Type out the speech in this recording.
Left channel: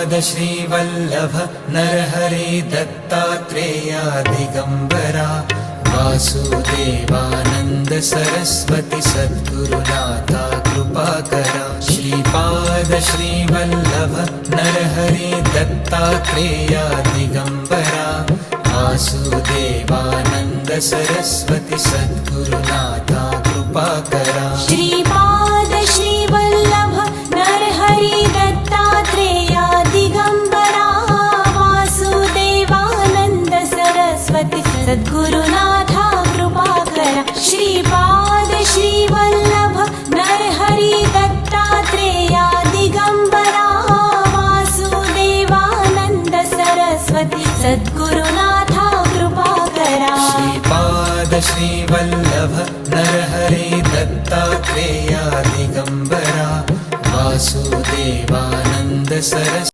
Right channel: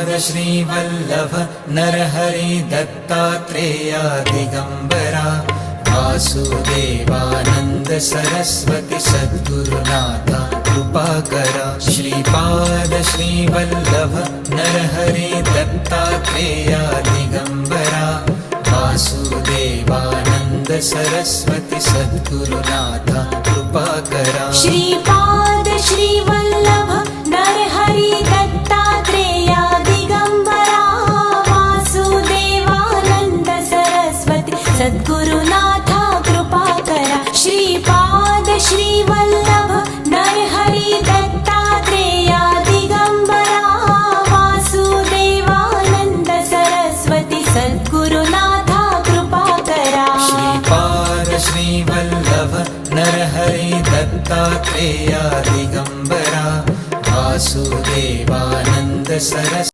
Shripad Shrivallabh Narhari Dattatreya Digambara Vasudevanand Saraswati सद्गुरुनाथा कृपाकरा। Shripad Shrivallabh Narhari Dattatreya Digambara Vasudevanand Saraswati सद्गुरुनाथा कृपाकरा। Shripad Shrivallabh Narhari Dattatreya Digambara Vasudevanand Saraswati सद्गुरुनाथा कृपाकरा। Shripad Shrivallabh Narhari Dattatreya Digambara Vasudevanand Saraswati सद्गुरुनाथा कृपाकरा। Shripad Shrivallabh Narhari Dattatreya Digambara Vasudevanand Saraswati